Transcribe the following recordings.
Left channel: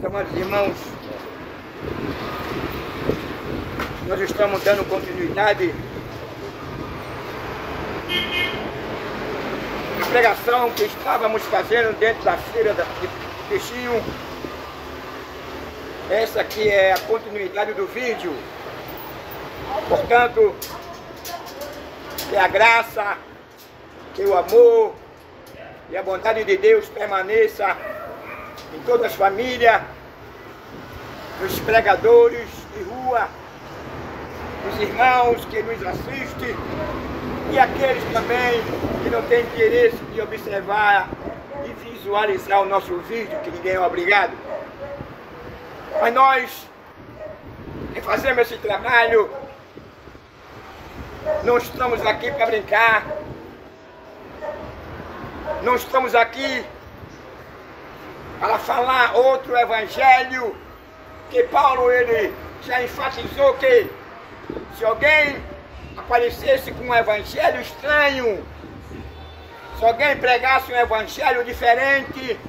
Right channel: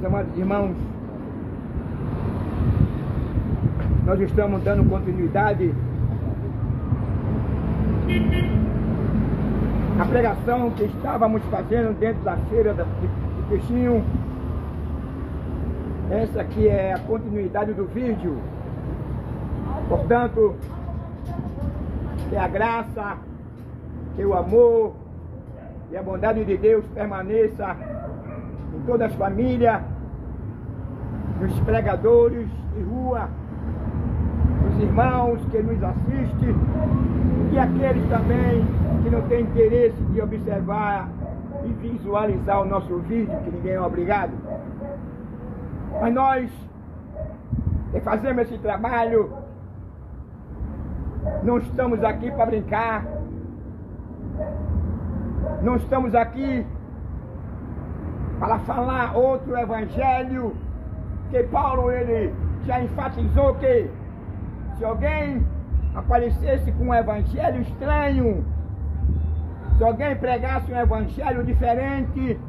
Meus amados irmãos, nós estamos dando continuidade à pregação que estávamos fazendo dentro da feira de Peixinho. Essa aqui é a continuidade do vídeo. Portanto, que a graça, que o amor e a bondade de Deus permaneça em todas as famílias, nos pregadores de rua, os irmãos que nos assistem e aqueles também que não têm interesse de observar e visualizar o nosso vídeo, que ninguém é obrigado. Mas nós que fazemos esse trabalho, não estamos aqui para brincar, não estamos aqui para falar outro evangelho, que Paulo ele já enfatizou que se alguém aparecesse com um evangelho estranho, se alguém pregasse um evangelho diferente,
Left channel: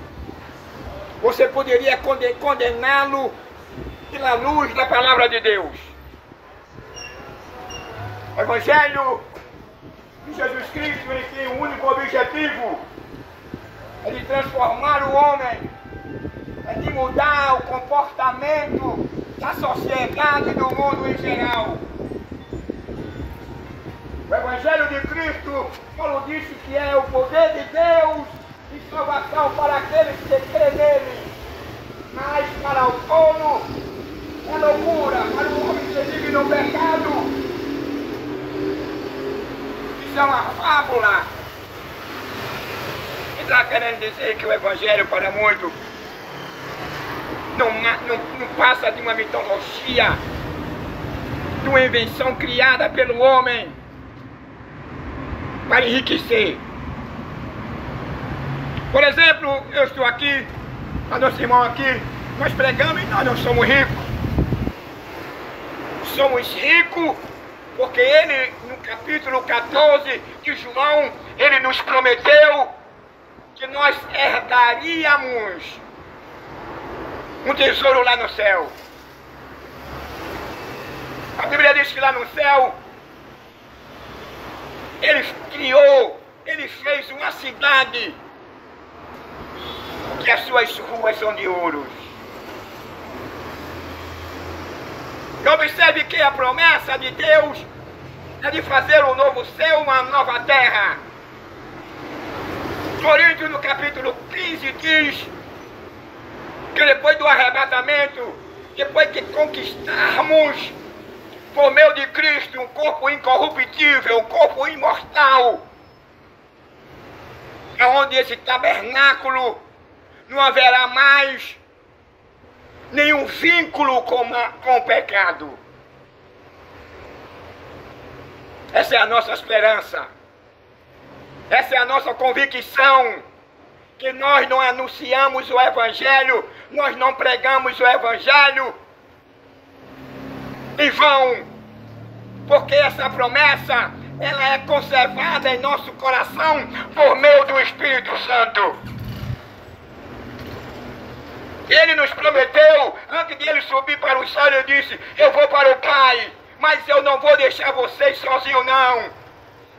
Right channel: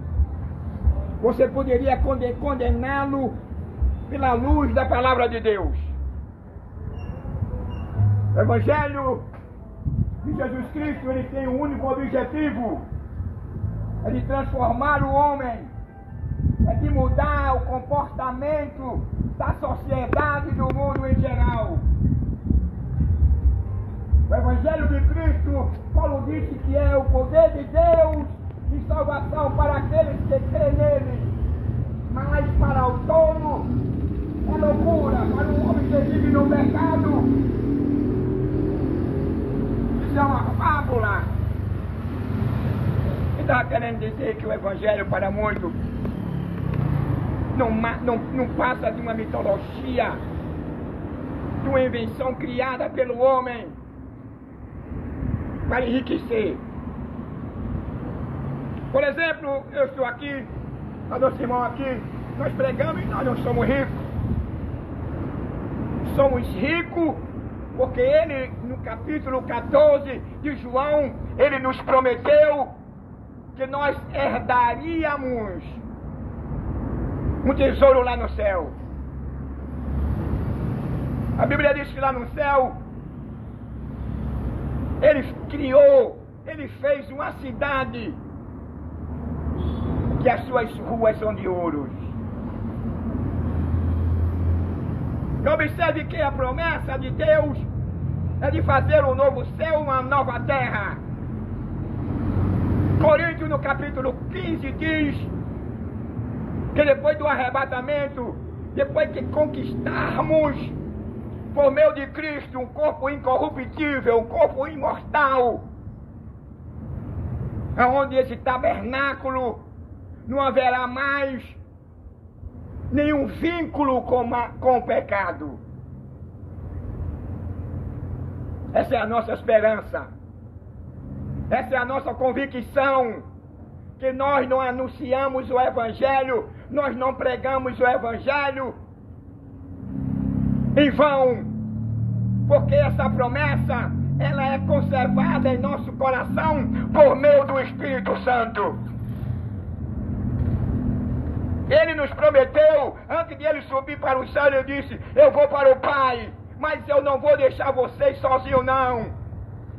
você poderia condená-lo pela luz da palavra de Deus. O evangelho de Jesus Cristo, ele tem um único objetivo: é de transformar o homem, é de mudar o comportamento da sociedade e do mundo em geral. O Evangelho de Cristo, Paulo disse que é o poder de Deus de salvação para aqueles que crêem nele. Mas para o tolo é loucura, para o homem que vive no pecado. Isso é uma fábula. E está querendo dizer que o Evangelho para muitos não passa de uma mitologia, de uma invenção criada pelo homem para enriquecer. Por exemplo, eu estou aqui, a nosso irmão aqui, nós pregamos e nós não somos ricos. Somos ricos porque ele, no capítulo 14 de João, ele nos prometeu que nós herdaríamos um tesouro lá no céu. A Bíblia diz que lá no céu ele criou, ele fez uma cidade que as suas ruas são de ouro. E observe que a promessa de Deus é de fazer um novo céu, uma nova terra. Coríntios, no capítulo 15, diz que depois do arrebatamento, depois que conquistarmos por meio de Cristo um corpo incorruptível, um corpo imortal, onde esse tabernáculo não haverá mais nenhum vínculo com o pecado. Essa é a nossa esperança, essa é a nossa convicção, que nós não anunciamos o Evangelho, nós não pregamos o Evangelho em vão, porque essa promessa, ela é conservada em nosso coração por meio do Espírito Santo. Ele nos prometeu, antes de ele subir para o céu, ele disse: eu vou para o Pai, mas eu não vou deixar vocês sozinhos não.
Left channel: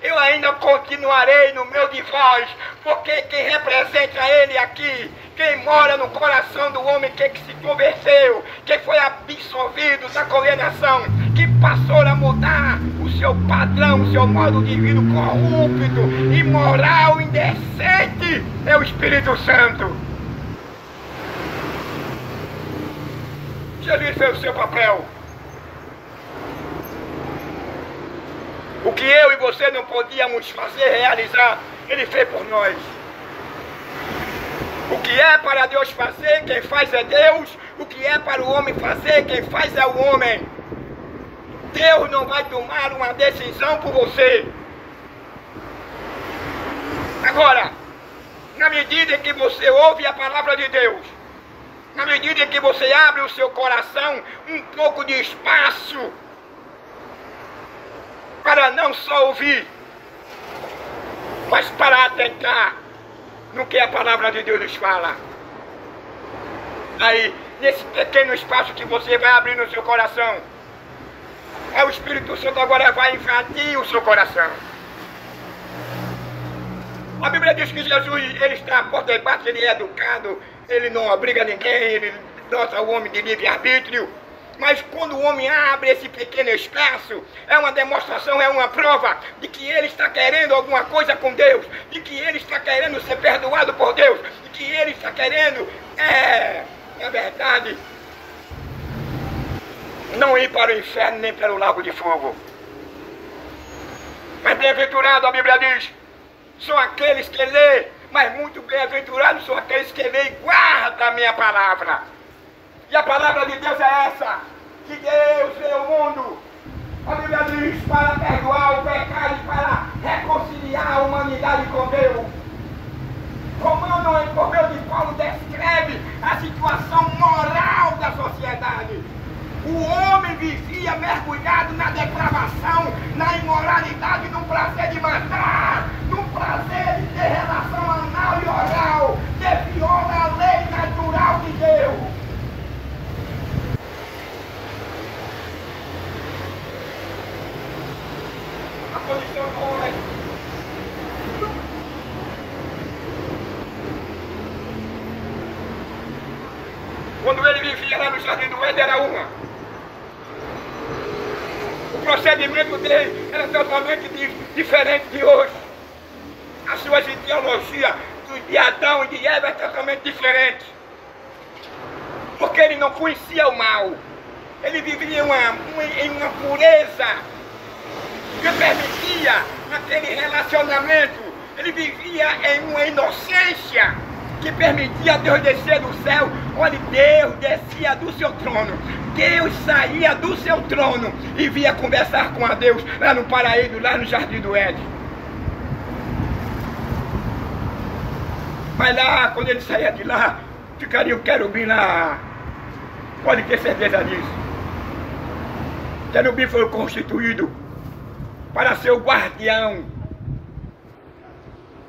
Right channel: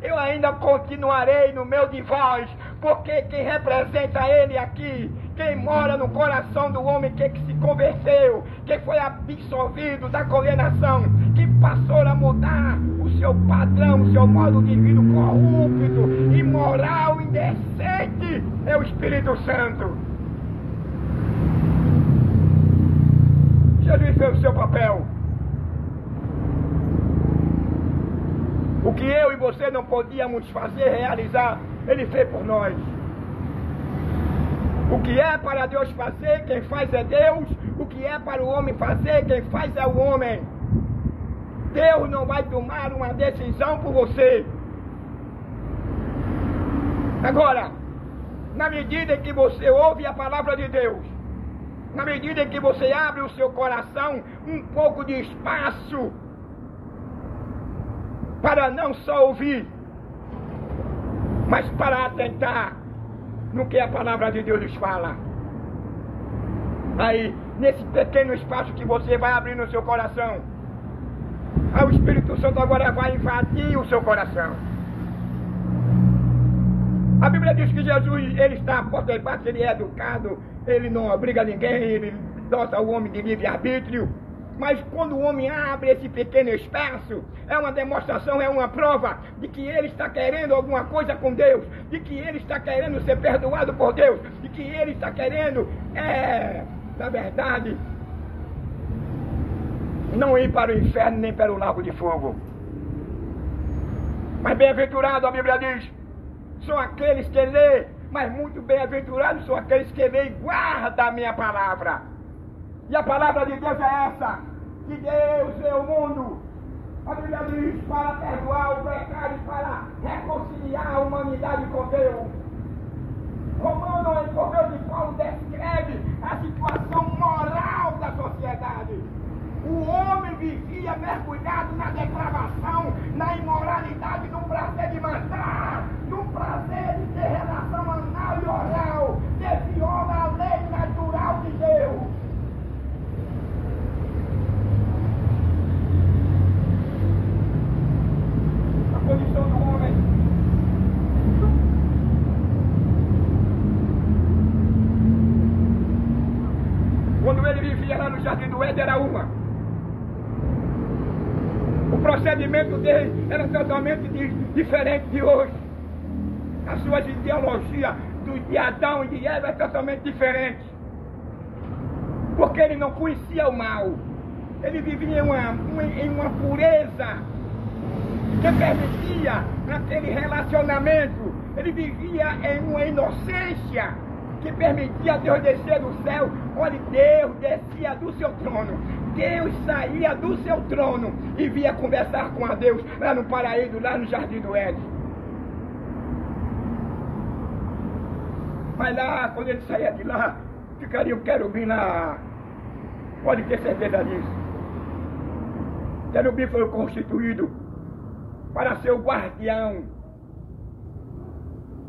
Eu ainda continuarei no meio de vós, porque quem representa ele aqui, quem mora no coração do homem que se converteu, que foi absolvido da condenação, que passou a mudar o seu padrão, o seu modo de vida corrupto, imoral, indecente, é o Espírito Santo. Jesus fez o seu papel. O que eu e você não podíamos fazer, realizar, ele fez por nós. O que é para Deus fazer, quem faz é Deus. O que é para o homem fazer, quem faz é o homem. Deus não vai tomar uma decisão por você. Agora, na medida em que você ouve a palavra de Deus, na medida em que você abre o seu coração um pouco de espaço para não só ouvir, mas para atentar no que a palavra de Deus nos fala. Aí, nesse pequeno espaço que você vai abrir no seu coração, aí o Espírito Santo agora vai invadir o seu coração. A Bíblia diz que Jesus, ele está à porta e bate, ele é educado, ele não obriga ninguém, ele dota o homem de livre-arbítrio. Mas quando o homem abre esse pequeno espaço, é uma demonstração, é uma prova de que ele está querendo alguma coisa com Deus, de que ele está querendo ser perdoado por Deus, de que ele está querendo, na verdade, não ir para o inferno nem para o lago de fogo. Mas bem-aventurado, a Bíblia diz, são aqueles que lê, mas muito bem-aventurados são aqueles que lê e guardam a minha palavra. E a palavra de Deus é essa, que Deus veio ao mundo, a Bíblia diz, para perdoar o pecado e para reconciliar a humanidade com Deus. Romano, por meio de Paulo, descreve a situação moral da sociedade. O homem vivia mergulhado na depravação, na imoralidade, no prazer de matar, no prazer de ter relação anal e oral, que viola a lei natural de Deus. A condição do homem. Quando ele vivia lá no Jardim do Éden era uma. O procedimento dele era totalmente diferente de hoje. As suas ideologias de Adão e de Eva é totalmente diferente. Porque ele não conhecia o mal. Ele vivia em uma pureza que permitia naquele relacionamento. Ele vivia em uma inocência que permitia Deus descer do céu. Olha, Deus descia do seu trono. Deus saía do seu trono e vinha conversar com a Deus lá no paraíso, lá no Jardim do Éden. Mas lá, quando ele saía de lá, ficaria o querubim lá. Pode ter certeza disso. O querubim foi constituído para ser o guardião.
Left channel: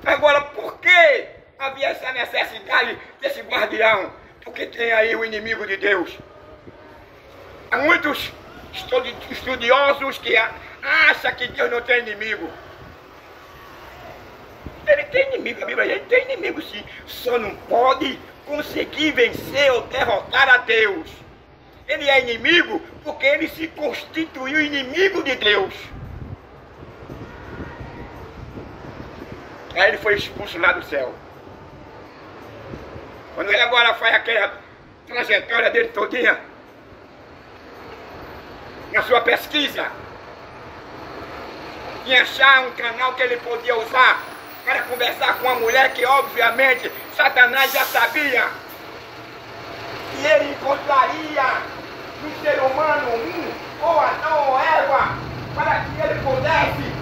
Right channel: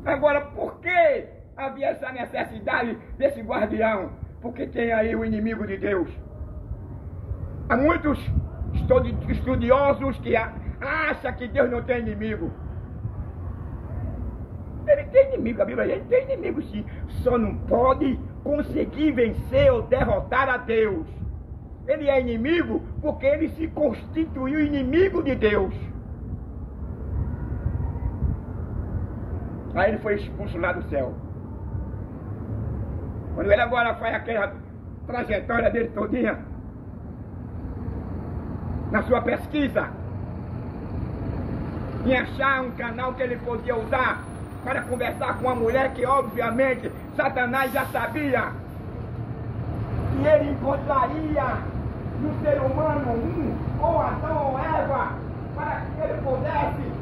Agora, por que havia essa necessidade desse guardião? Porque tem aí o inimigo de Deus. Há muitos estudiosos que acham que Deus não tem inimigo. Ele tem inimigo, a Bíblia diz, ele tem inimigo sim. Só não pode conseguir vencer ou derrotar a Deus. Ele é inimigo porque ele se constituiu inimigo de Deus. Aí ele foi expulso lá do céu. Quando ele agora faz aquela trajetória dele todinha, na sua pesquisa, em achar um canal que ele podia usar para conversar com uma mulher que, obviamente, Satanás já sabia que ele encontraria no ser humano ou Adão ou Eva, para que ele pudesse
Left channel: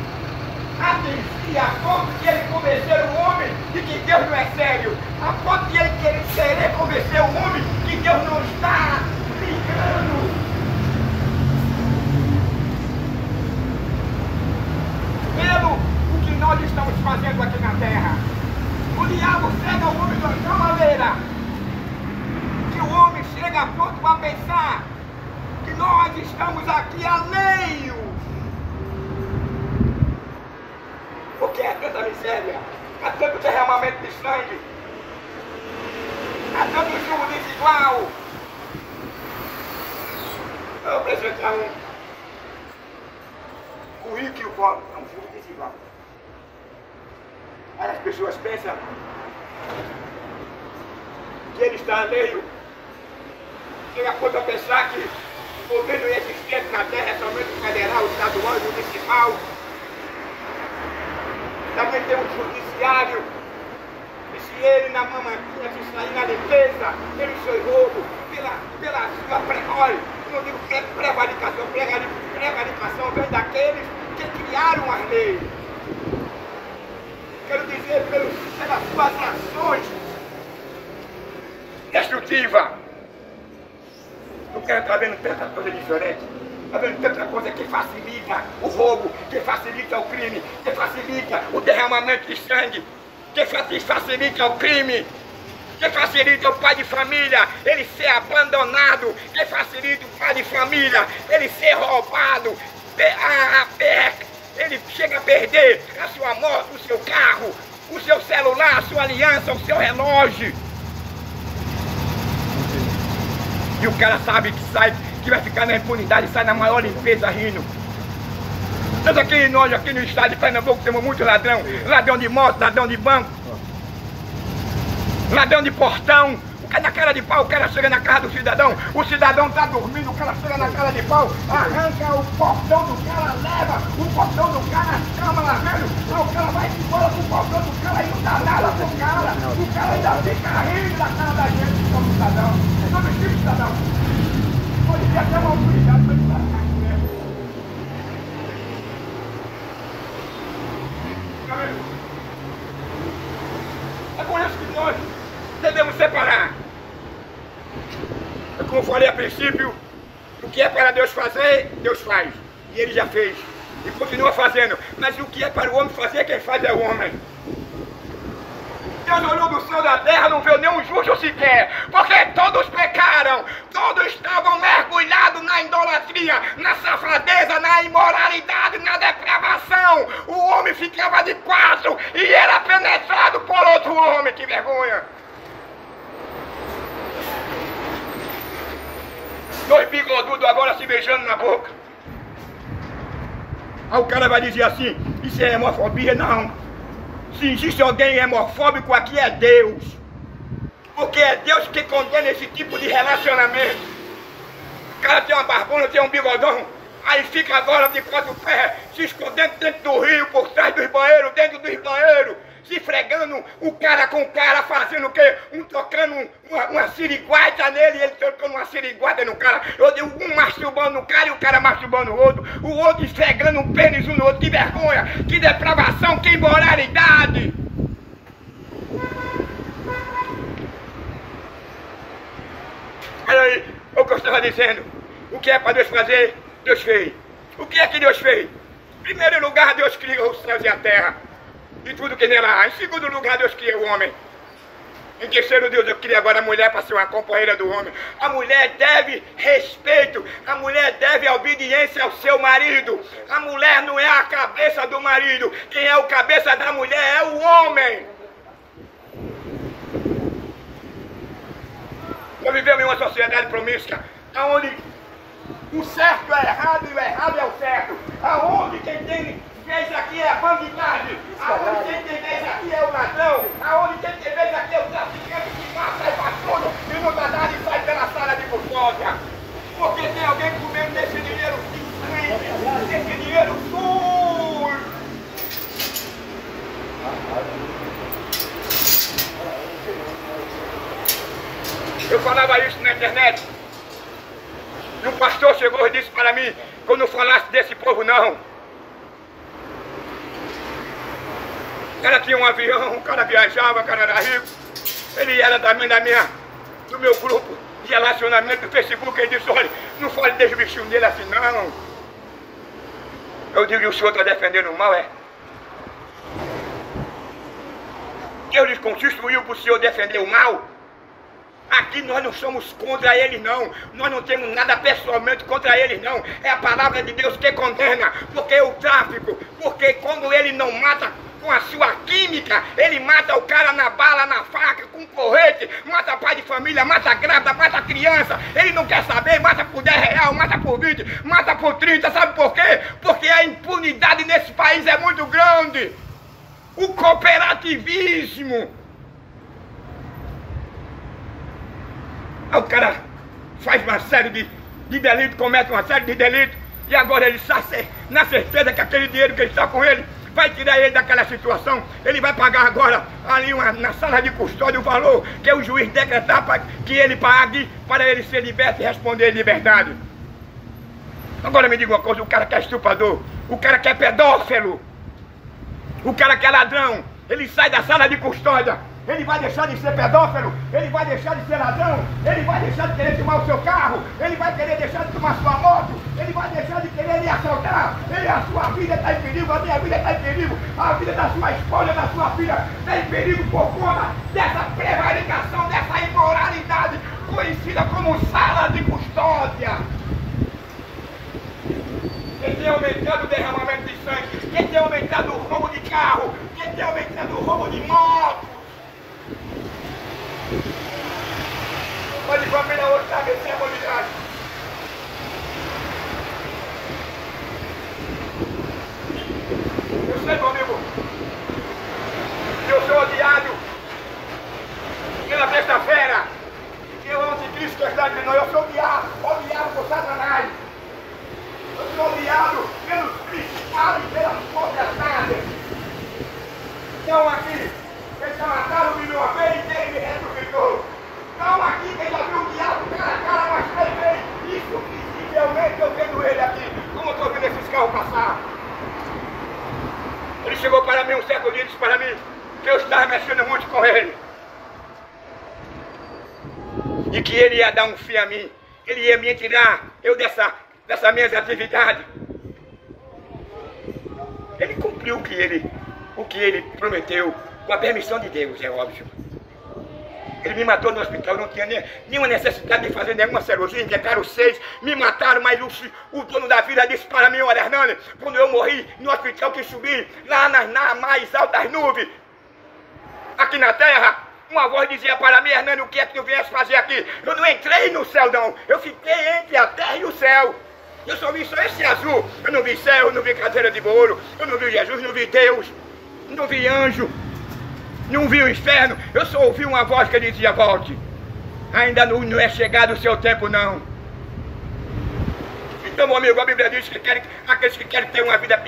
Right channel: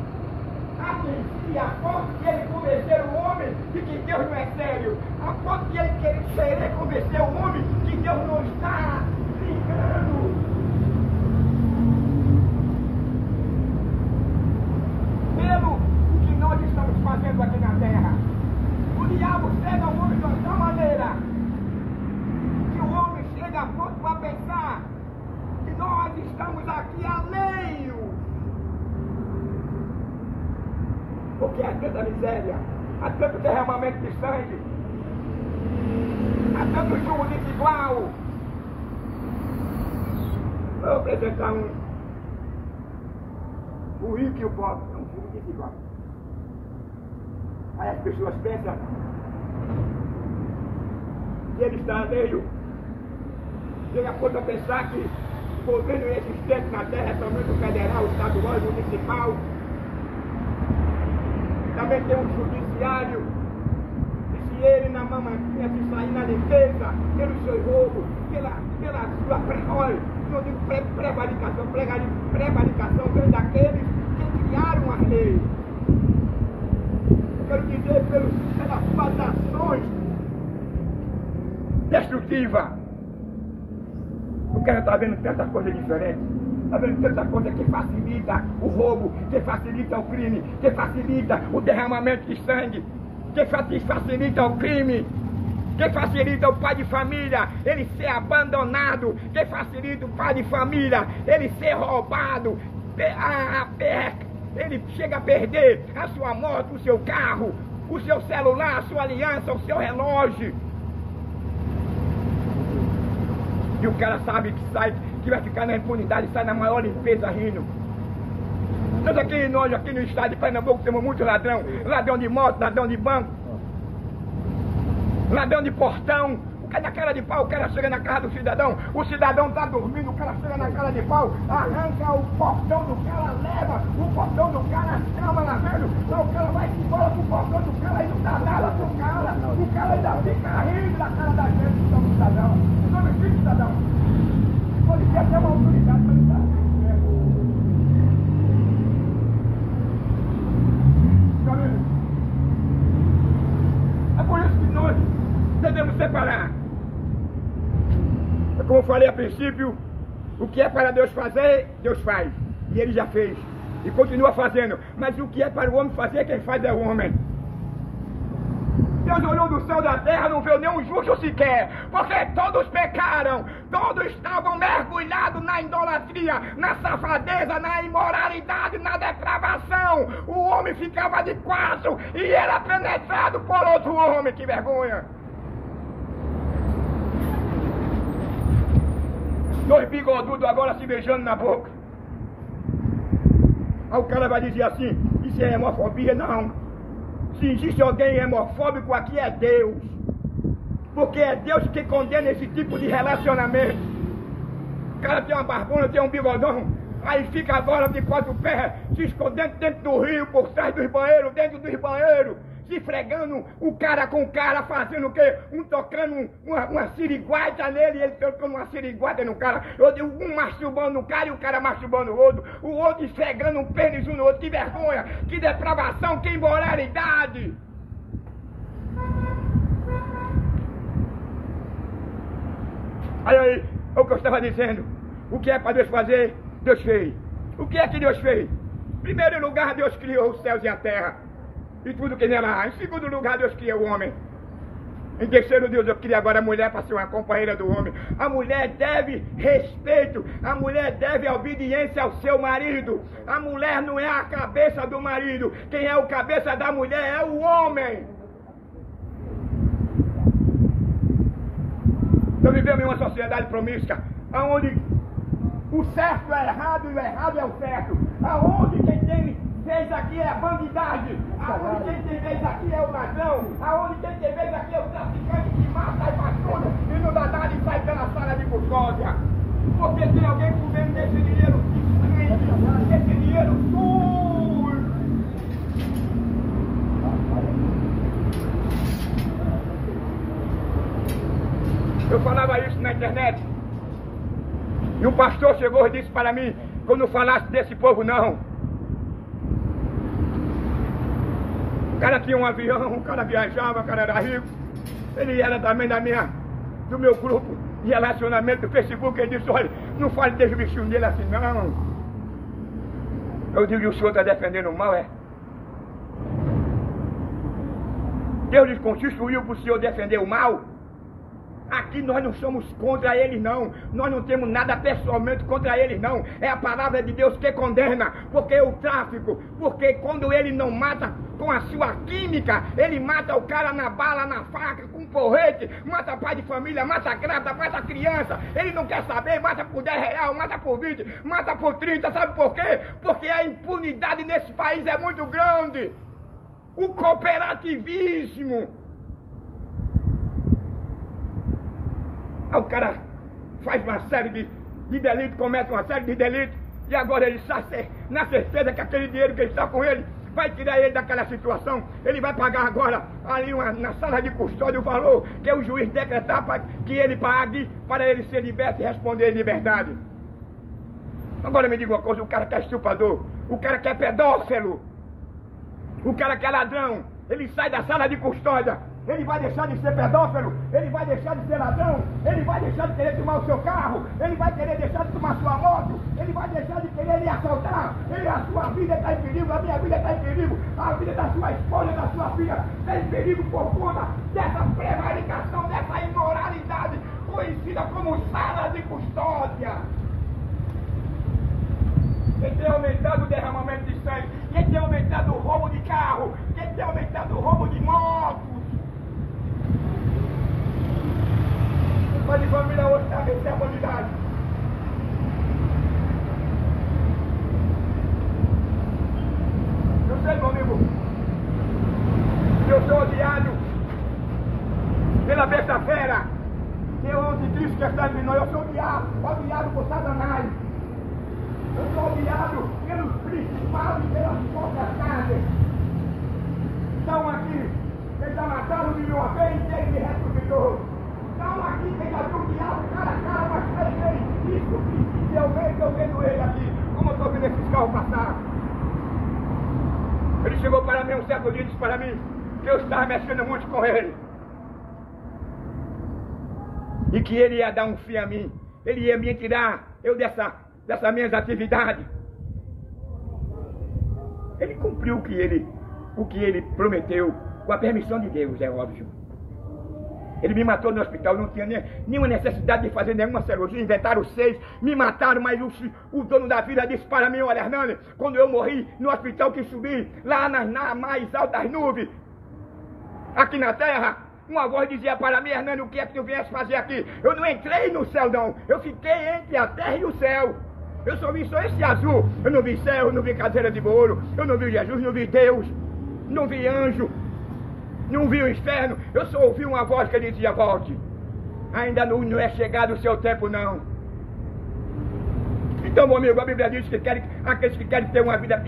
atingir a ponto de ele convencer o homem de que Deus não é sério, a ponto de ele querer convencer o homem que Deus não está brincando. Pelo o que nós estamos fazendo aqui na terra, o diabo cega o homem de tal maneira que o homem chega a ponto a pensar que nós estamos aqui alheios. Porque há tanta miséria, há tanto derramamento de sangue, há tanto julgo desigual. Eu vou apresentar o rico e o pobre, é um julgo desigual. Aí as pessoas pensam que ele está alheio. Chega a ponto a pensar que o governo existente na terra é somente o federal, o estadual e o municipal. Também tem um judiciário, e se ele na mamantinha se sair na defesa, pelo seu roubo, pela sua olha, não digo prevaricação, prevaricação vem daqueles que criaram as leis. Quero dizer, pelas suas ações destrutivas. O cara está vendo tanta coisa diferente. Está vendo tanta coisa que facilita o roubo, que facilita o crime, que facilita o derramamento de sangue, que facilita o crime, que facilita o pai de família ele ser abandonado, que facilita o pai de família ele ser roubado, ele chega a perder a sua moto, o seu carro, o seu celular, a sua aliança, o seu relógio. E o cara sabe que vai ficar na impunidade, sai na maior limpeza rindo. Nós aqui no estado de Pernambuco temos muito ladrão. Ladrão de moto, ladrão de banco, ladrão de portão. Na cara de pau, o cara chega na casa do cidadão, o cidadão tá dormindo, o cara chega na cara de pau, arranca o portão do cara, leva o portão do cara, cama lá, velho, o cara vai embora com o portão do cara e não dá nada pro cara, o cara ainda fica rindo da cara da gente, do cidadão. Não me diga, cidadão, pode ter até uma autoridade pra ele estar aqui mesmo. É por isso que nós devemos separar. Como eu falei a princípio, o que é para Deus fazer, Deus faz. E Ele já fez. E continua fazendo. Mas o que é para o homem fazer, quem faz é o homem. Deus olhou do céu da terra, não viu nenhum justo sequer. Porque todos pecaram. Todos estavam mergulhados na idolatria, na safadeza, na imoralidade, na depravação. O homem ficava de quatro e era penetrado por outro homem. Que vergonha. Dois bigodudos agora se beijando na boca. Aí o cara vai dizer assim, isso é hemofobia? Não. Se existe alguém hemofóbico aqui é Deus. Porque é Deus que condena esse tipo de relacionamento. O cara tem uma barbona, tem um bigodão, aí fica agora de quatro pés, se escondendo dentro do rio, por trás dos banheiros, dentro dos banheiros, se fregando o cara com o cara, fazendo o quê? Tocando uma siriguata nele, ele tocando uma siriguata no cara, um masturbando no cara e o cara masturbando o outro esfregando um pênis um no outro. Que vergonha, que depravação, que imoralidade! Olha aí, o que eu estava dizendo, o que é para Deus fazer, Deus fez. O que é que Deus fez? Em primeiro lugar, Deus criou os céus e a terra e tudo que nela há. Em segundo lugar, Deus criou o homem. Em terceiro, Deus cria agora a mulher para ser uma companheira do homem. A mulher deve respeito, a mulher deve obediência ao seu marido. A mulher não é a cabeça do marido, quem é o cabeça da mulher é o homem. Nós vivemos em uma sociedade promíscua, onde o certo é errado e o errado é o certo. Aonde quem tem vez aqui é a bandidagem, aonde quem tem vez aqui é o ladrão, aonde quem tem vez aqui é o traficante que mata e faz tudo e não dá nada e sai pela sala de custódia. Porque tem alguém comendo desse dinheiro sujo, desse dinheiro sujo. Eu falava isso na internet. E um pastor chegou e disse para mim que eu não falasse desse povo não. O cara tinha um avião, o cara viajava, o cara era rico. Ele era também do meu grupo de relacionamento do Facebook. Ele disse, olha, não fale desse bichinho dele assim não. Eu digo, e o senhor está defendendo o mal, é? Deus lhes constituiu para o senhor defender o mal? Aqui nós não somos contra eles não, nós não temos nada pessoalmente contra eles não, é a palavra de Deus que condena, porque o tráfico, porque quando ele não mata com a sua química, ele mata o cara na bala, na faca, com porrete, mata pai de família, mata grávida, mata criança, ele não quer saber, mata por 10 reais, mata por 20, mata por 30, sabe por quê? Porque a impunidade nesse país é muito grande, o cooperativismo. Aí o cara faz uma série de delitos, comete uma série de delitos, e agora ele está na certeza que aquele dinheiro que ele está com ele vai tirar ele daquela situação. Ele vai pagar agora ali na sala de custódia o valor que o juiz decretar para que ele pague para ele ser liberto e responder em liberdade. Agora me diga uma coisa, o cara que é estuprador, o cara que é pedófilo, o cara que é ladrão, ele sai da sala de custódia Ele vai deixar de ser pedófilo, ele vai deixar de ser ladrão, ele vai deixar de querer tomar o seu carro, ele vai querer deixar de tomar sua moto, ele vai deixar de querer lhe assaltar, a sua vida está em perigo, a minha vida está em perigo, a vida da sua esposa, da sua filha está em perigo por conta dessa prevaricação, dessa imoralidade conhecida como sala de custódia. Quem tem aumentado o derramamento de sangue, quem tem aumentado o roubo de carro, quem tem aumentado o roubo de motos. Mas de família hoje está vencendo a bandidagem. Eu sei, meu amigo, eu sou odiado pela besta fera, que é o anticristo que está entre nós. Eu sou odiado por Satanás. Eu sou odiado pelos principados e pelas potestades. Estão aqui, que já mataram de uma vez e quem me ressuscitou. Estão aqui, que já viu o diabo cara a cara umas 3 vezes. Isso, visivelmente, eu vendo ele aqui, como eu estou vendo esses carros passar. Ele chegou para mim um certo dia e disse para mim que eu estava mexendo muito com ele. E que ele ia dar um fim a mim. Ele ia me tirar eu dessas minhas atividades. Ele cumpriu o que ele prometeu, com a permissão de Deus, é óbvio. Ele me matou no hospital, não tinha nenhuma necessidade de fazer nenhuma cirurgia, inventaram 6, me mataram, mas o dono da vida disse para mim: olha, Hernani, quando eu morri no hospital que subi, lá nas mais altas nuvens, aqui na terra, uma voz dizia para mim: Hernani, o que é que tu vieste fazer aqui? Eu não entrei no céu não, eu fiquei entre a terra e o céu. Eu só vi esse azul, eu não vi céu, eu não vi cadeira de bolo, eu não vi Jesus, não vi Deus, não vi anjo, não vi o inferno, eu só ouvi uma voz que dizia: volte, ainda não é chegado o seu tempo não. Então, meu amigo, a Bíblia diz que aqueles que querem ter uma vida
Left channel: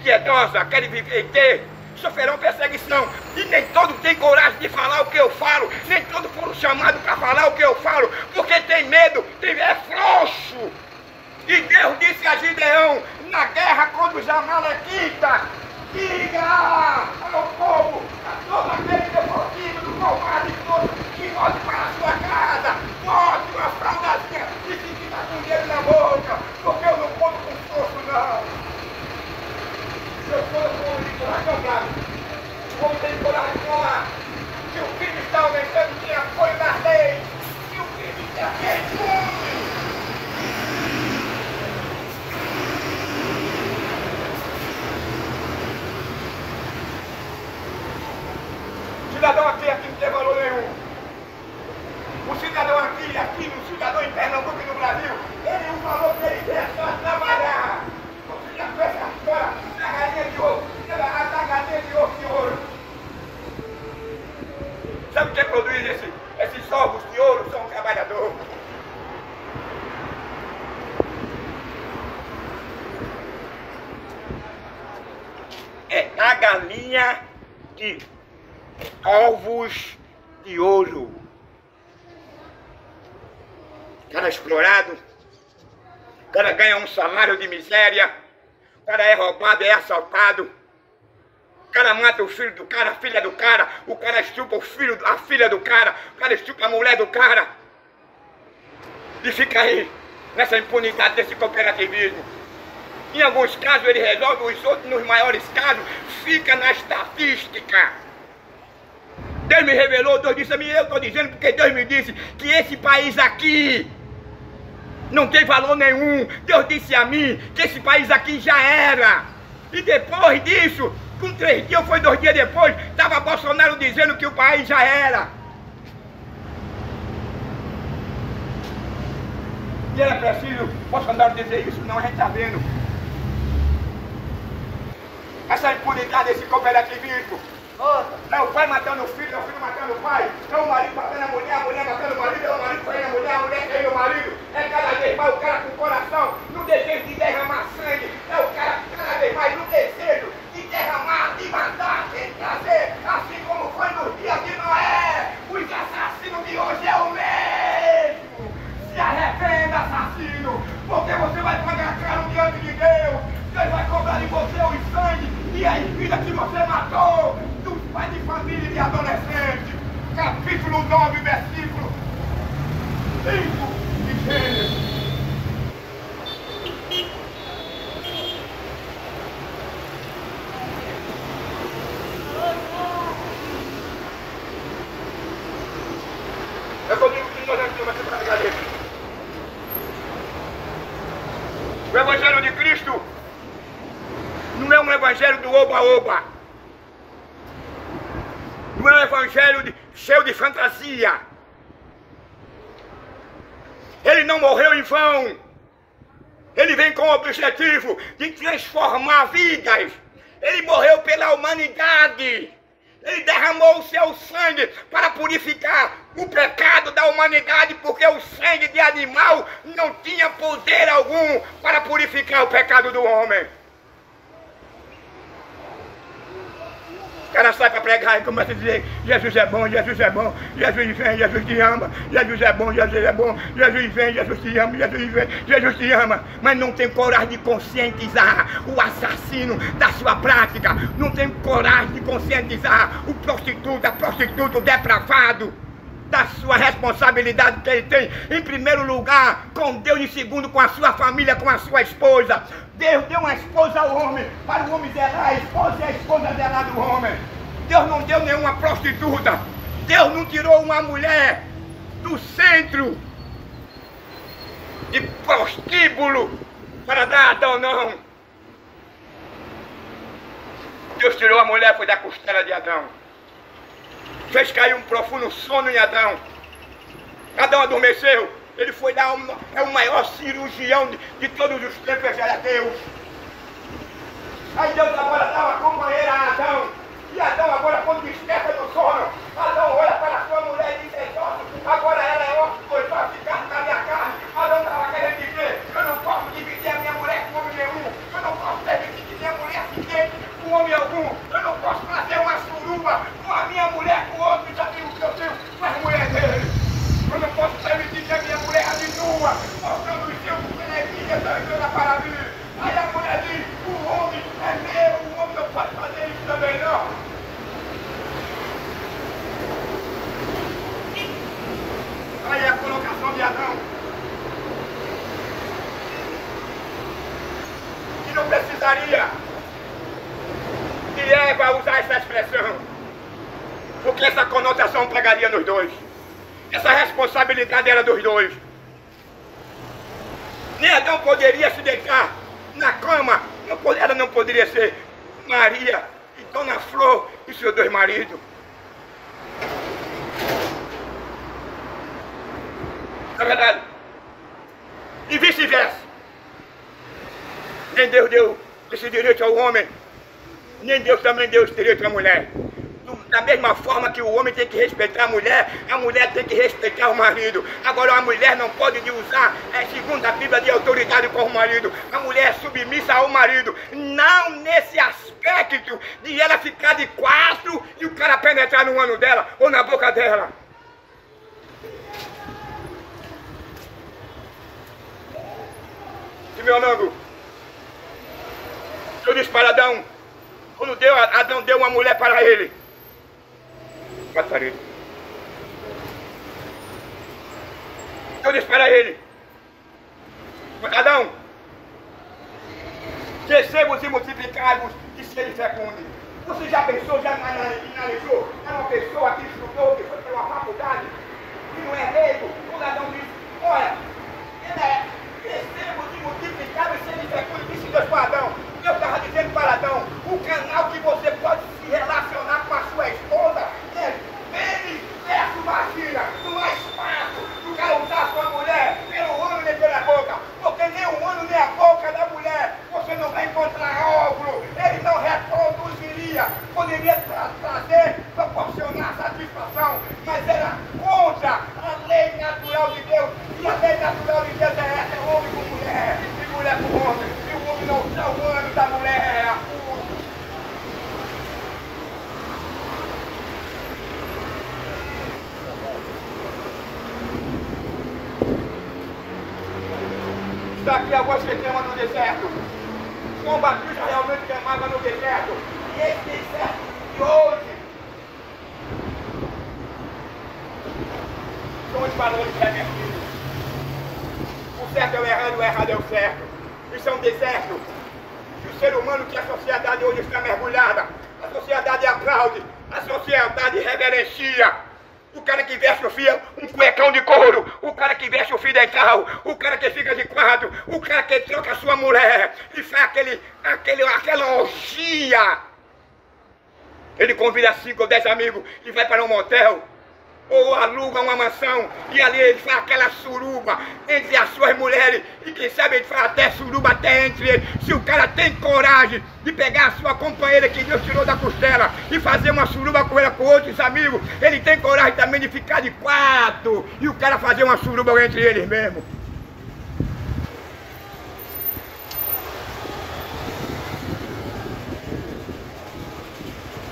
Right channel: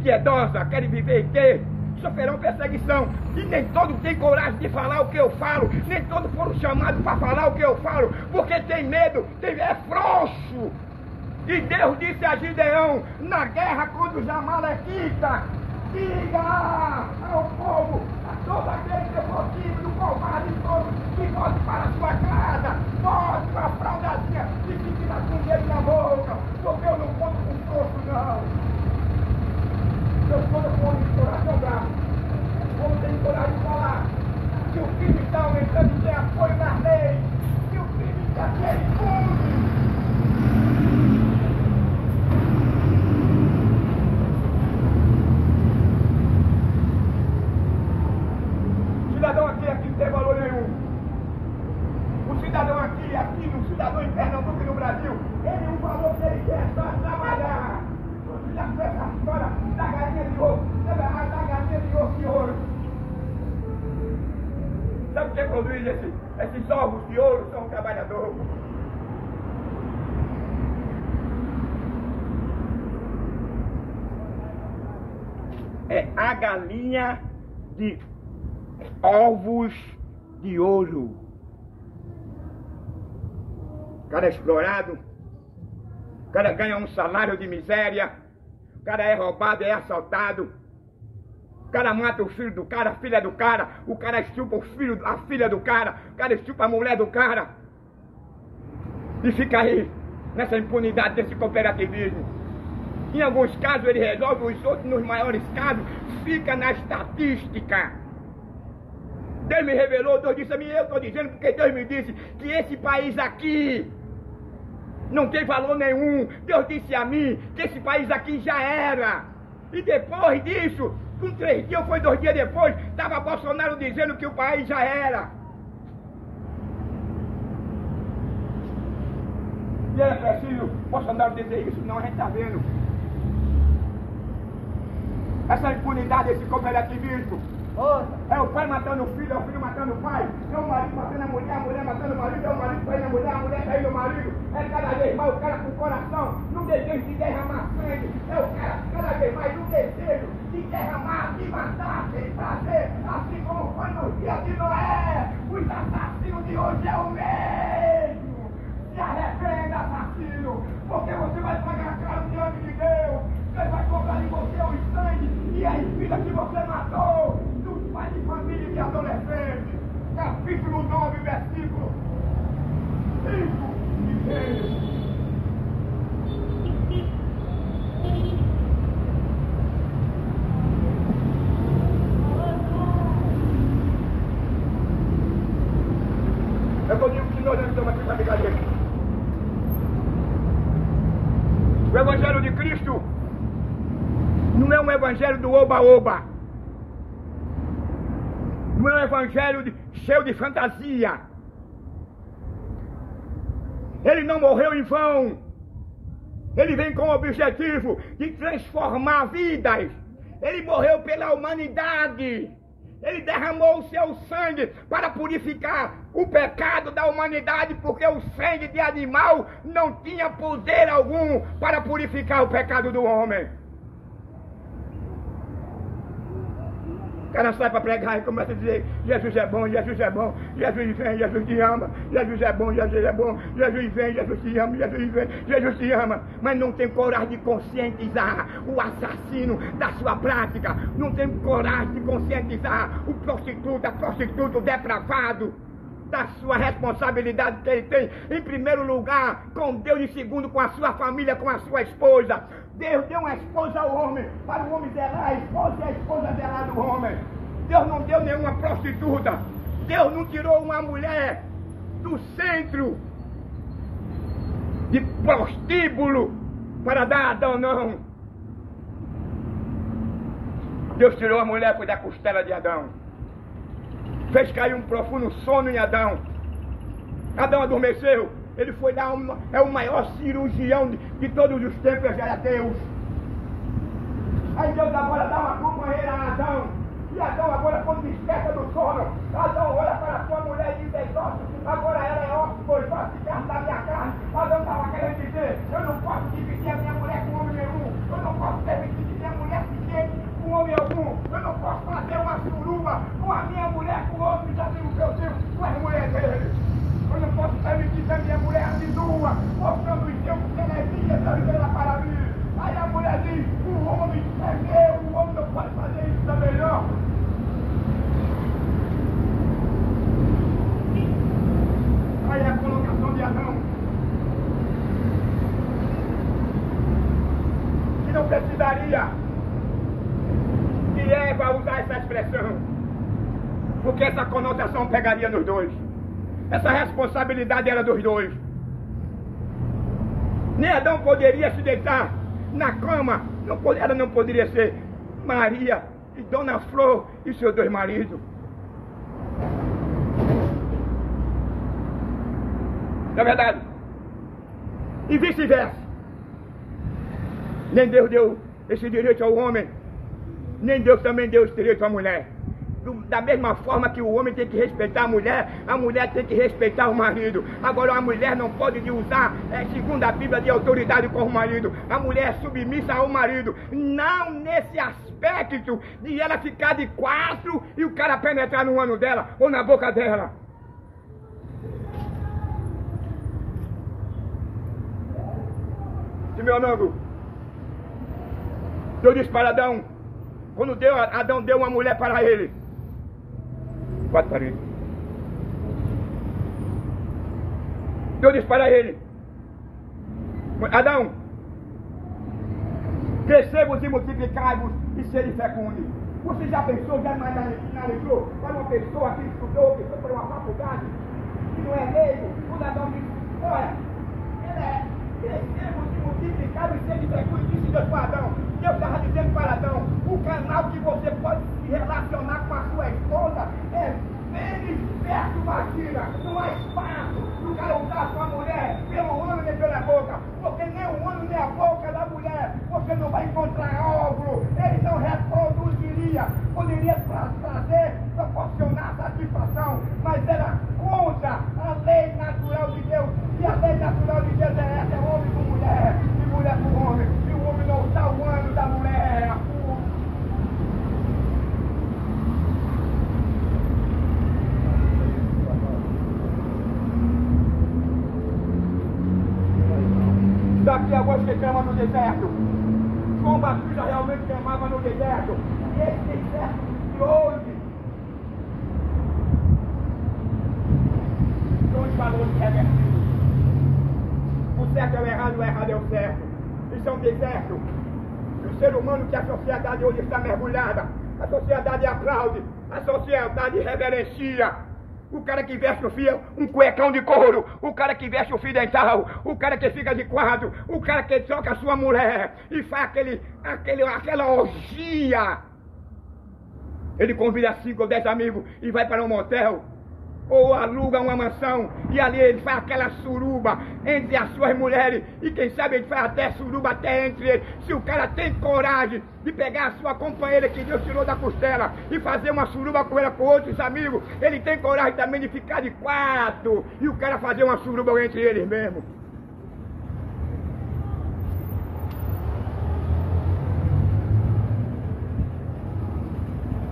piedosa, querem viver e ter, sofrerão perseguição. E nem todos têm coragem de falar o que eu falo, nem todos foram chamados para falar o que eu falo, porque tem medo, é frouxo. E Deus disse a Gideão, na guerra contra os amalequitas: diga ao povo, a todo aquele que for tímido, covarde, que volte para a sua casa, volte com a fraldazinha e fique com o dedo na boca, porque eu não conto com força não. Eu sou o homem de coragem bravo, o homem tem coragem de falar. Se o crime está aumentando, tem apoio das leis. Se o crime está impune. O cidadão aqui não tem valor nenhum. O cidadão aqui, o cidadão em Pernambuco e no Brasil, o valor que ele tem é só trabalhar. Você já fez essa história da galinha de ouro, da galinha de ouro de ouro. Sabe quem produz esses ovos de ouro? São trabalhadores. É a galinha de ovos de ouro. O cara é explorado, o cara ganha um salário de miséria, o cara é roubado, é assaltado, o cara mata o filho do cara, a filha do cara, o cara estupa a filha do cara, o cara estupa a mulher do cara. E fica aí, nessa impunidade desse cooperativismo. Em alguns casos ele resolve, os outros, nos maiores casos, fica na estatística. Deus me revelou, Deus disse a mim, eu estou dizendo porque Deus me disse que esse país aqui não tem valor nenhum. Deus disse a mim que esse país aqui já era. E depois disso, com 3 dias, ou foi 2 dias depois, estava Bolsonaro dizendo que o país já era. E era preciso Bolsonaro dizer isso? Não, a gente está vendo. Essa impunidade, esse cooperativismo. É o pai matando o filho, é o filho matando o pai, é o marido matando a mulher matando o marido, é o marido traindo a mulher traindo o marido. É cada vez mais o cara com o coração no desejo de derramar sangue, é o cara cada vez mais no desejo de derramar, de matar, de trazer, assim como foi no dia de Noé. Os assassinos de hoje é o mesmo. Se arrependa, assassino, porque você vai pagar caro diante de Deus. Deus vai cobrar de você o sangue e a vida que você matou. Pai de família e de adolescente. capítulo 9, versículo 5 de Gênesis. Eu digo que nós não estamos aqui para brincadeira. O Evangelho de Cristo não é um evangelho do oba-oba. Não é um evangelho cheio de fantasia. Ele não morreu em vão. Ele vem com o objetivo de transformar vidas. Ele morreu pela humanidade. Ele derramou o seu sangue para purificar o pecado da humanidade, porque o sangue de animal não tinha poder algum para purificar o pecado do homem. O cara sai para pregar e começa a dizer: Jesus é bom, Jesus é bom, Jesus vem, Jesus te ama, Jesus é bom, Jesus é bom, Jesus vem, Jesus te ama, Jesus vem, Jesus te ama. Mas não tem coragem de conscientizar o assassino da sua prática, não tem coragem de conscientizar o prostituto, a prostituta, o depravado, da sua responsabilidade que ele tem, em primeiro lugar, com Deus, em segundo, com a sua família, com a sua esposa. Deus deu uma esposa ao homem, para o homem zelar a esposa e a esposa zelar do homem. Deus não deu nenhuma prostituta. Deus não tirou uma mulher do centro de prostíbulo para dar a Adão, não. Deus tirou a mulher, foi da costela de Adão. Fez cair um profundo sono em Adão. Adão adormeceu. Ele foi lá, é o maior cirurgião de todos os tempos, era Deus. Aí Deus agora dá uma companheira a Adão. E Adão agora, quando desperta do sono, Adão olha para a sua mulher e diz: agora ela é osso, pois vai ficar na minha carne. Adão estava querendo dizer: eu não posso dividir a minha mulher com homem nenhum. Eu não posso permitir que minha mulher se deite com homem algum. Eu não posso fazer uma suruba com a minha mulher, com outro, já tenho o que eu tenho com as mulheres dele. Eu não posso permitir que a minha mulher ande nua, mostrando os seus televisões, dando para mim. Aí a mulher diz: o homem é meu, o homem não pode fazer isso também não. Aí a colocação de Adão. Que não precisaria de Eva usar essa expressão, porque essa conotação pegaria nos dois. Essa responsabilidade era dos dois. Nem Adão poderia se deitar na cama, ela não poderia ser Maria e Dona Flor e seus dois maridos. Não é verdade? E vice-versa. Nem Deus deu esse direito ao homem, nem Deus também deu esse direito à mulher. Da mesma forma que o homem tem que respeitar a mulher tem que respeitar o marido. Agora a mulher não pode usar, segundo a Bíblia, de autoridade com o marido. A mulher é submissa ao marido. Não nesse aspecto de ela ficar de quatro e o cara penetrar no ano dela ou na boca dela. E meu amigo, Deus disse para Adão, quando Adão deu uma mulher para ele, quatro paredes. Deus disse para ele: Adão, crescei-vos e multiplicai-vos e sede fecundos. Você já pensou, já analisou? Era uma pessoa que estudou, que foi para uma faculdade, que não é leigo. Quando Adão disse: olha, crescemos e multiplicai-vos e sede fecundos, disse Deus para Adão. Deus estava dizendo para Adão: o canal que você pode se relacionar com a sua esposa é pênis versus vagina. Não há espaço do cara usar a sua mulher pelo ânus nem pela boca, porque nem o ânus nem a boca da mulher você não vai encontrar óvulo. Ele não reproduziria, poderia trazer, proporcionar satisfação, mas era contra a lei natural de Deus. E a lei natural de Deus é essa: é homem com mulher e mulher com homem. E o homem não está o ânus da mulher. Está aqui a voz que clama no deserto. João Batista realmente clamava no deserto. E esse deserto de hoje são os valores revertidos. O certo é o errado é o certo. Isso é um deserto. E o ser humano que a sociedade hoje está mergulhada, a sociedade aplaude, a sociedade reverencia. O cara que veste o fio, um cuecão de couro, o cara que veste o fio dental, o cara que fica de quadro, o cara que troca a sua mulher e faz aquela orgia. Ele convida 5 ou 10 amigos e vai para um motel, ou aluga uma mansão, e ali ele faz aquela suruba entre as suas mulheres, e quem sabe ele faz até suruba até entre eles. Se o cara tem coragem de pegar a sua companheira que Deus tirou da costela e fazer uma suruba com ela com outros amigos, ele tem coragem também de ficar de quarto e o cara fazer uma suruba entre eles mesmo.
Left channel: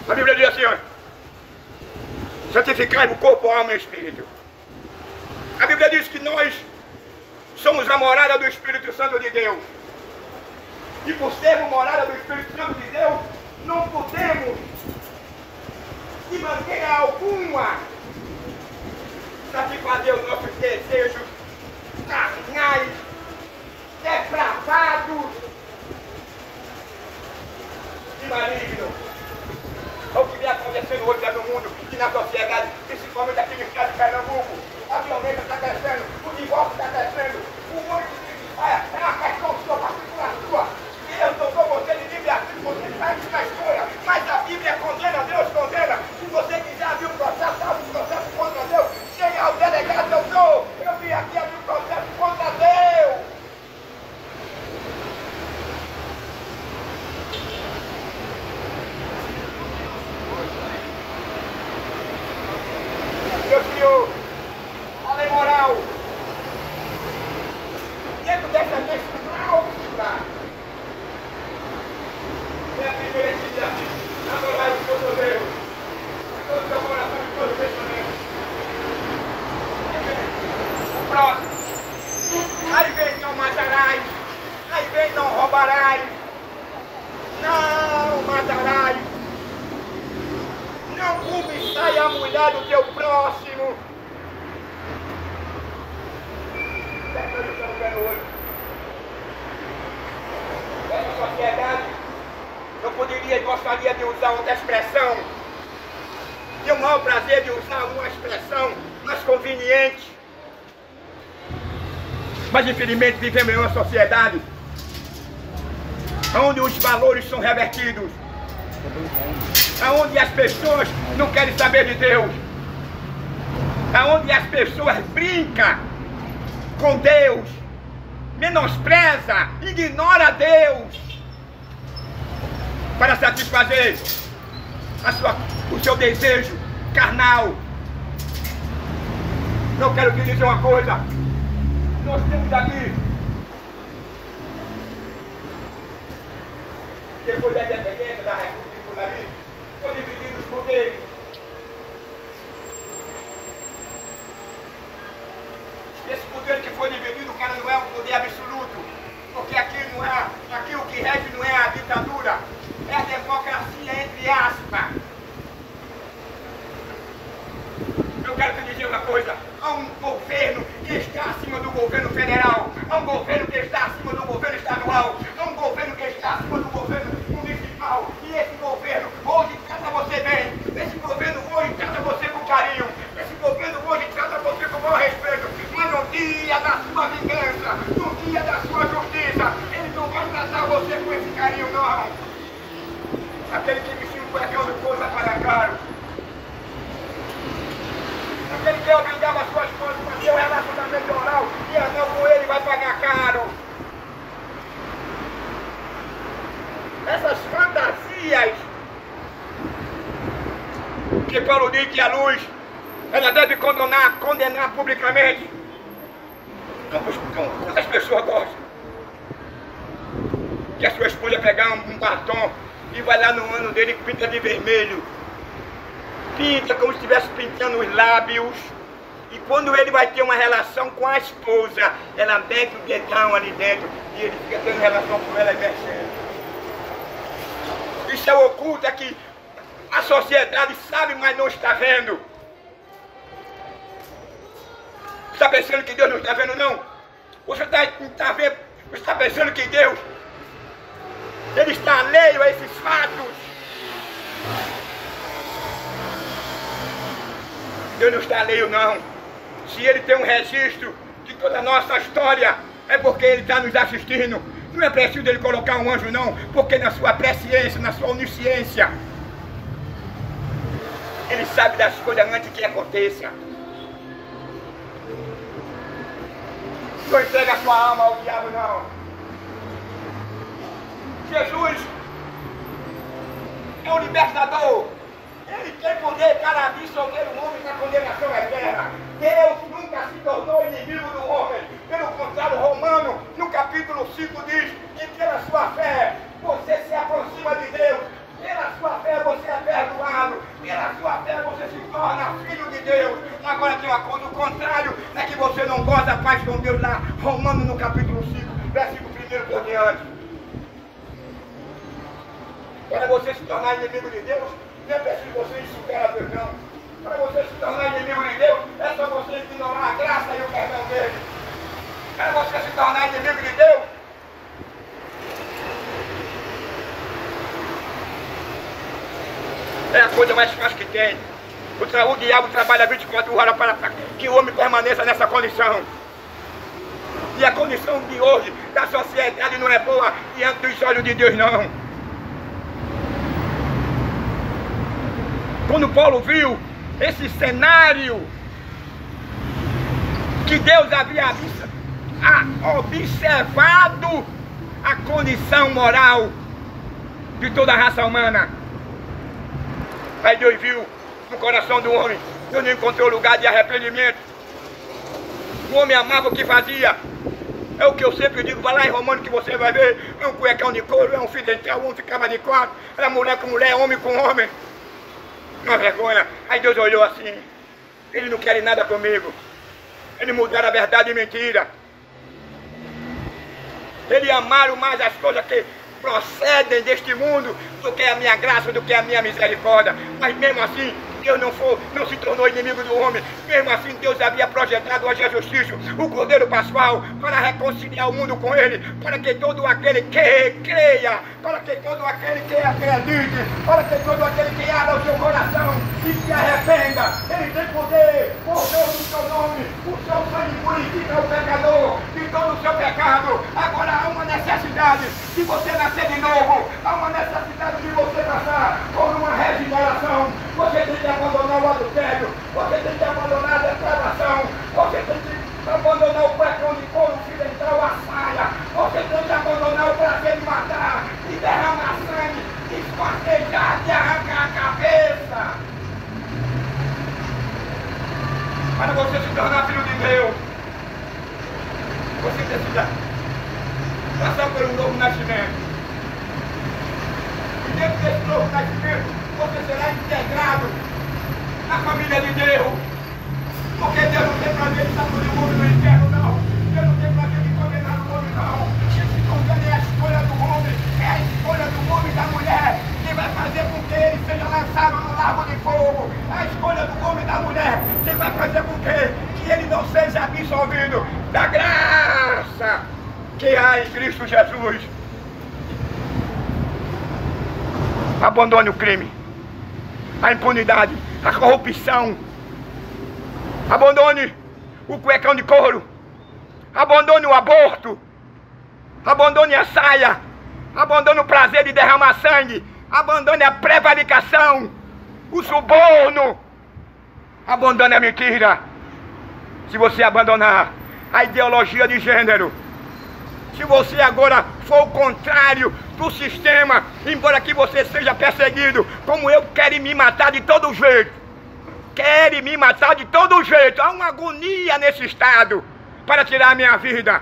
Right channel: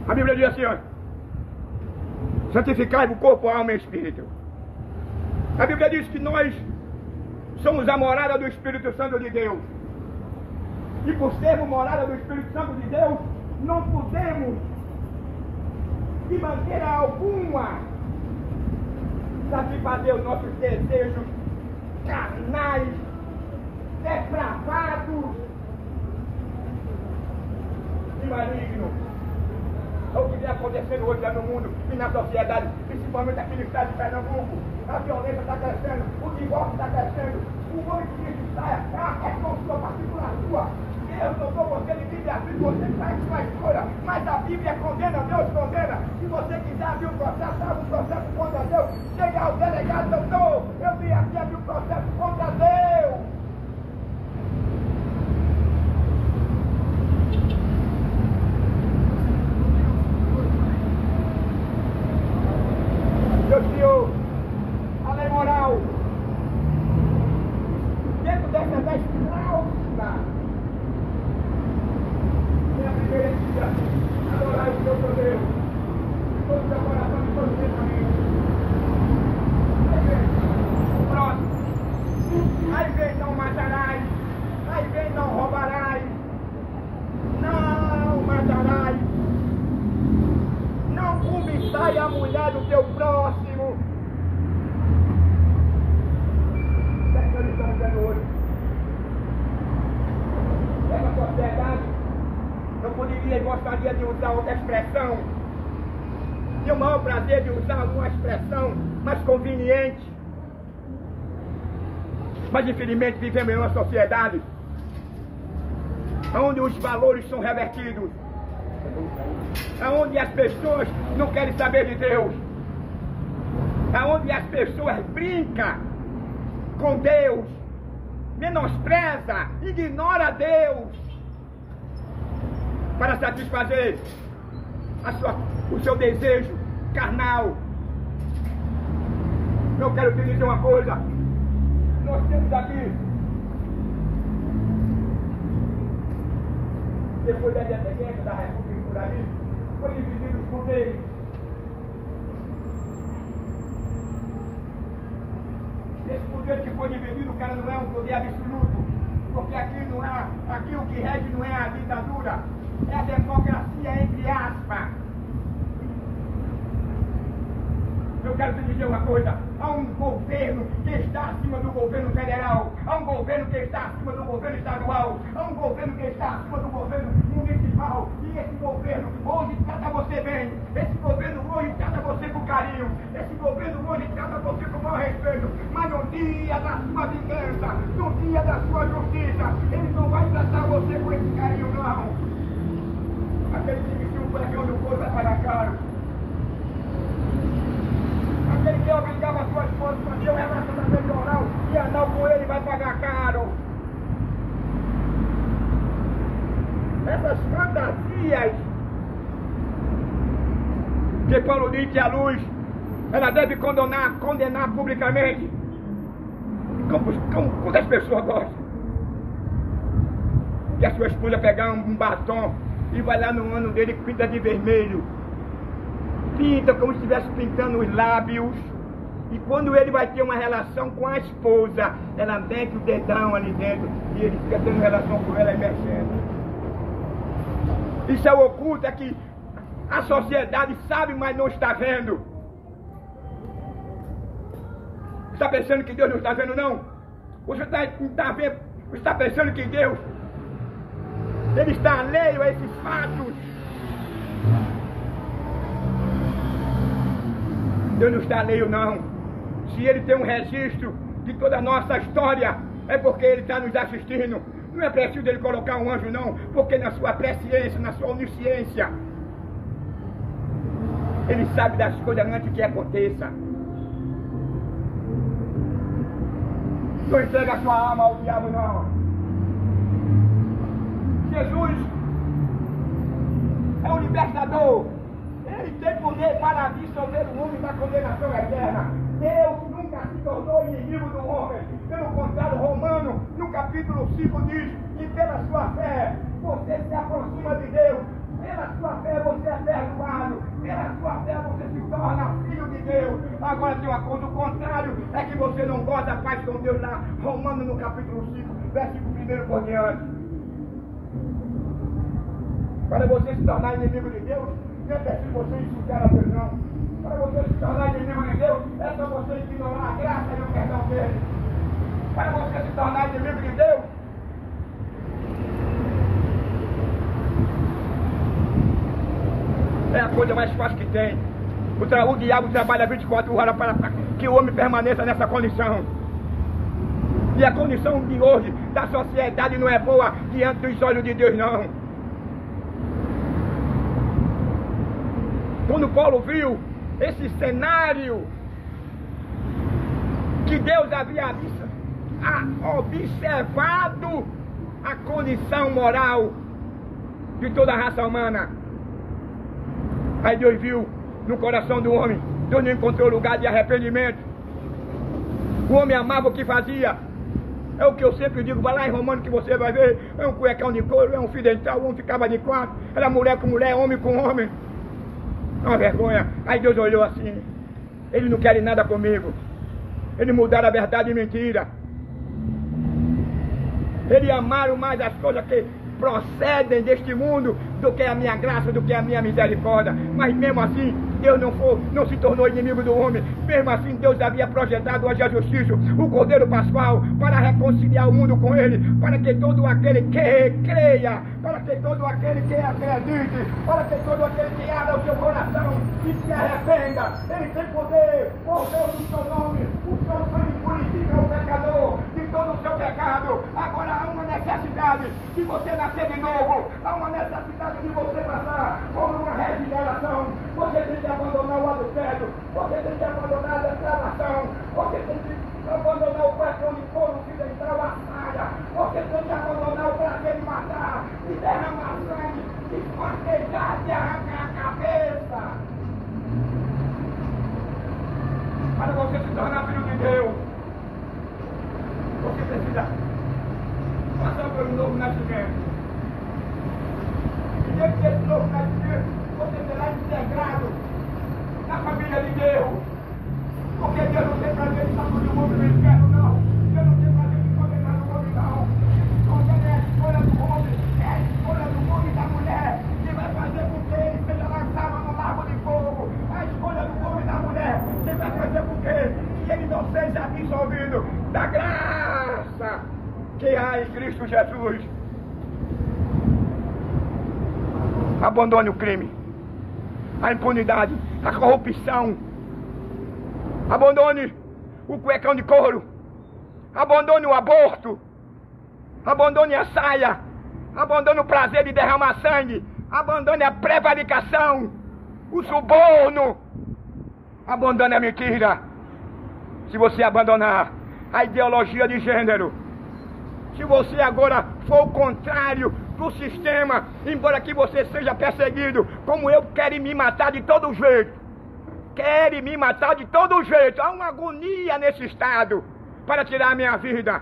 A Bíblia diz assim, ó: santificai o corpo, a alma e o espírito. A Bíblia diz que nós somos a morada do Espírito Santo de Deus. E por sermos morada do Espírito Santo de Deus, não podemos, de maneira alguma, satisfazer os nossos desejos carnais, depravados e malignos. É o que vem acontecendo hoje no mundo e na sociedade, principalmente aqui no estado de Pernambuco. A violência está crescendo, o divórcio está crescendo, o monte de saia, é uma questão sua, particular sua. Deus tocou você de livre-arbítrio, você sai de uma escolha, mas a Bíblia condena, Deus condena. Se você quiser abrir um processo, abre um processo contra Deus. Chegue ao delegado, doutor, eu vim aqui abrir um processo contra Deus. Meu Senhor, a lei moral, dentro dessa cláusula, é a primeira que diz assim: adorai o seu Deus, todo o seu coração e todo o pensamento. O próximo, aí vem: não matarás, aí vem: não roubarás, não matarás. Não cobiçai a mulher do teu próximo. É que nós estamos vendo hoje. Essa sociedade, eu poderia e gostaria de usar outra expressão. Tenho o maior prazer de usar uma expressão mais conveniente. Mas infelizmente vivemos em uma sociedade onde os valores são revertidos, aonde as pessoas não querem saber de Deus, aonde as pessoas brincam com Deus, menospreza, ignora Deus para satisfazer o seu desejo carnal. Não quero te dizer uma coisa, nós temos aqui, depois da independência da República por ali, foi dividido os poderes. Esse poder que foi dividido, cara, não é um poder absoluto, porque aqui não é, aqui o que rege não é a ditadura, é a democracia entre aspas. Eu quero te dizer uma coisa: há um governo que está acima do governo federal, há um governo que está acima do governo estadual, há um governo que está acima do governo municipal, e esse governo hoje trata você bem, esse governo hoje trata você com carinho, esse governo hoje trata você com bom respeito, mas no dia da sua vingança, no dia da sua justiça, ele não vai tratar você com esse carinho, não. Aquele que vestiu um cuecão de coisa para caro, aquele que obrigava as suas mãos para ter um relacionamento oral e anel com ele vai pagar caro. Essas fantasias que Paulo diz que a luz ela deve condenar publicamente, como as pessoas gostam. Que a sua esposa pegar um batom e vai lá no ano dele e pinta de vermelho. Pinta como se estivesse pintando os lábios. E quando ele vai ter uma relação com a esposa, ela mete o dedão ali dentro e ele fica tendo relação com ela e mexendo. Isso é oculto, é que a sociedade sabe, mas não está vendo. está pensando que Deus não está vendo, não? Você está pensando que Deus, Ele está alheio a esses fatos? Deus não está alheio, não. Se Ele tem um registro de toda a nossa história, é porque Ele está nos assistindo. Não é preciso Ele colocar um anjo, não, porque na sua presciência, na sua onisciência, Ele sabe das coisas antes que aconteça. Não entrega a sua alma ao diabo, não. Jesus é o libertador. Ele tem poder para absolver o homem da condenação eterna. Deus nunca se tornou inimigo do homem. Pelo contrário, Romano, no capítulo 5, diz que pela sua fé você se aproxima de Deus. Pela sua fé você é perdoado. Pela sua fé você se torna filho de Deus. Agora tem uma coisa, o contrário é que você não gosta da paz com Deus lá. Romano no capítulo 5, versículo 1 por diante. Para você se tornar inimigo de Deus, não é preciso você insultar a Deus, não. Para você se tornar inimigo de Deus, é só você ignorar a graça e o perdão dele. Para você se tornar inimigo de Deus, é a coisa mais fácil que tem. O diabo trabalha 24 horas para que o homem permaneça nessa condição. E a condição de hoje da sociedade não é boa diante dos olhos de Deus, não. Quando Paulo viu esse cenário que Deus havia observado a condição moral de toda a raça humana, aí Deus viu no coração do homem, Deus não encontrou lugar de arrependimento. O homem amava o que fazia. É o que eu sempre digo, vai lá em Romano que você vai ver, é um cuecão de couro, é um fio dental, um ficava de quatro, era mulher com mulher, homem com homem. Uma vergonha. Aí Deus olhou assim, ele não quer nada comigo. Ele mudaram a verdade em mentira. Ele amaram mais as coisas que procedem deste mundo do que a minha graça, do que a minha misericórdia. Mas mesmo assim, Deus não se tornou inimigo do homem. Mesmo assim, Deus havia projetado a Jesus Cristo, o Cordeiro Pascual, para reconciliar o mundo com Ele, para que todo aquele que creia, para que todo aquele que acredite, para que todo aquele que abra o seu coração e se arrependa, Ele tem poder, por Deus do seu nome, o seu sangue purifica o pecador de todo o seu pecado. Agora há uma necessidade de você nascer de novo, há uma necessidade de você passar por uma regeneração. Você tem que abandonar o adultério, você tem que abandonar a depravação, você tem que abandonar o cuecão de couro, o fio dental, a saia, você tem que abandonar o prazer de matar, de derramar sangue, de esquartejar, de arrancar a cabeça. Para você se tornar filho de Deus, você precisa passar por um novo nascimento. E dentro desse novo nascimento, você será integrado na família de Deus. Porque Deus não tem prazer de estar todo mundo no inferno, não. Deus não tem prazer de condenar o homem, não. Quem se condena é a escolha do homem, é a escolha do homem e da mulher, que vai fazer com que ele seja lançado no lago de fogo. A escolha do homem e da mulher, que vai fazer com que ele não seja absolvido da graça que há em Cristo Jesus. Abandone o crime, a impunidade, a corrupção. Abandone o cuecão de couro. Abandone o aborto. Abandone a saia. Abandone o prazer de derramar sangue. Abandone a prevaricação, o suborno. Abandone a mentira. Se você abandonar a ideologia de gênero, se você agora for o contrário do sistema, embora que você seja perseguido, como eu, querem me matar de todo jeito. Querem me matar de todo jeito. Há uma agonia nesse estado para tirar a minha vida.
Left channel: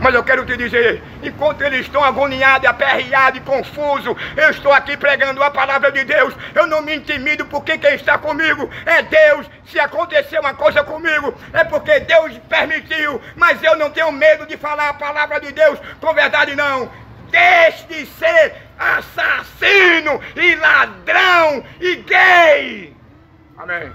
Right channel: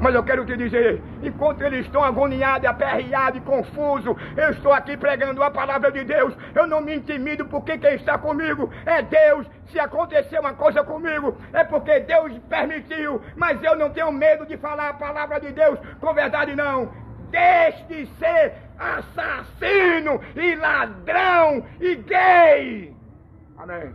Mas eu quero te dizer, enquanto eles estão agoniados, aperreados e confusos, eu estou aqui pregando a palavra de Deus. Eu não me intimido porque quem está comigo é Deus. Se acontecer uma coisa comigo, é porque Deus permitiu. Mas eu não tenho medo de falar a palavra de Deus com verdade, não. Deixe de ser assassino e ladrão e gay. Amém.